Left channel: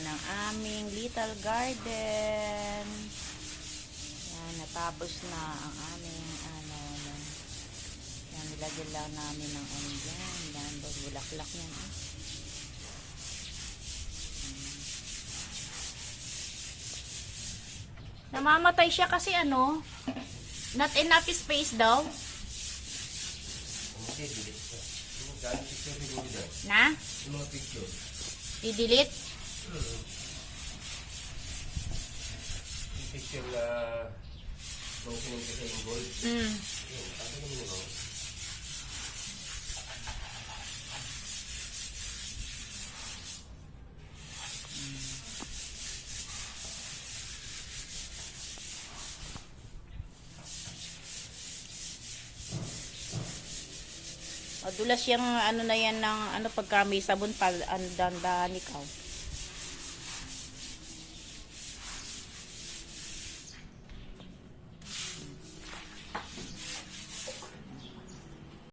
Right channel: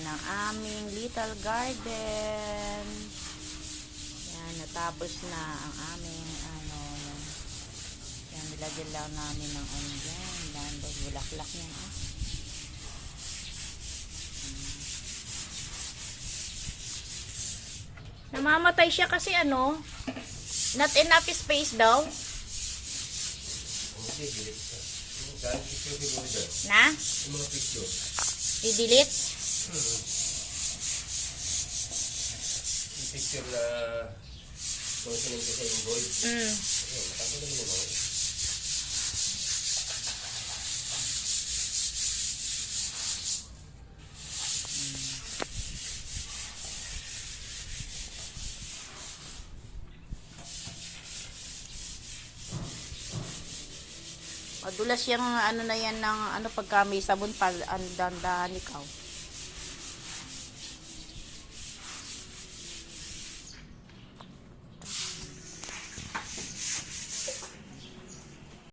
Yan ang aming little garden. Yan, natapos na ang aming yan, nilagyan lang namin ng dyan. Yan, bulaklak yan. Namamatay siya kasi not enough space daw. Na? I-delete? Yung picture na kung sinunod ko sa involve. Ayun, matapos naman yung mga. Madulas yung na yan ng pagka may sabon pag dandahan ikaw.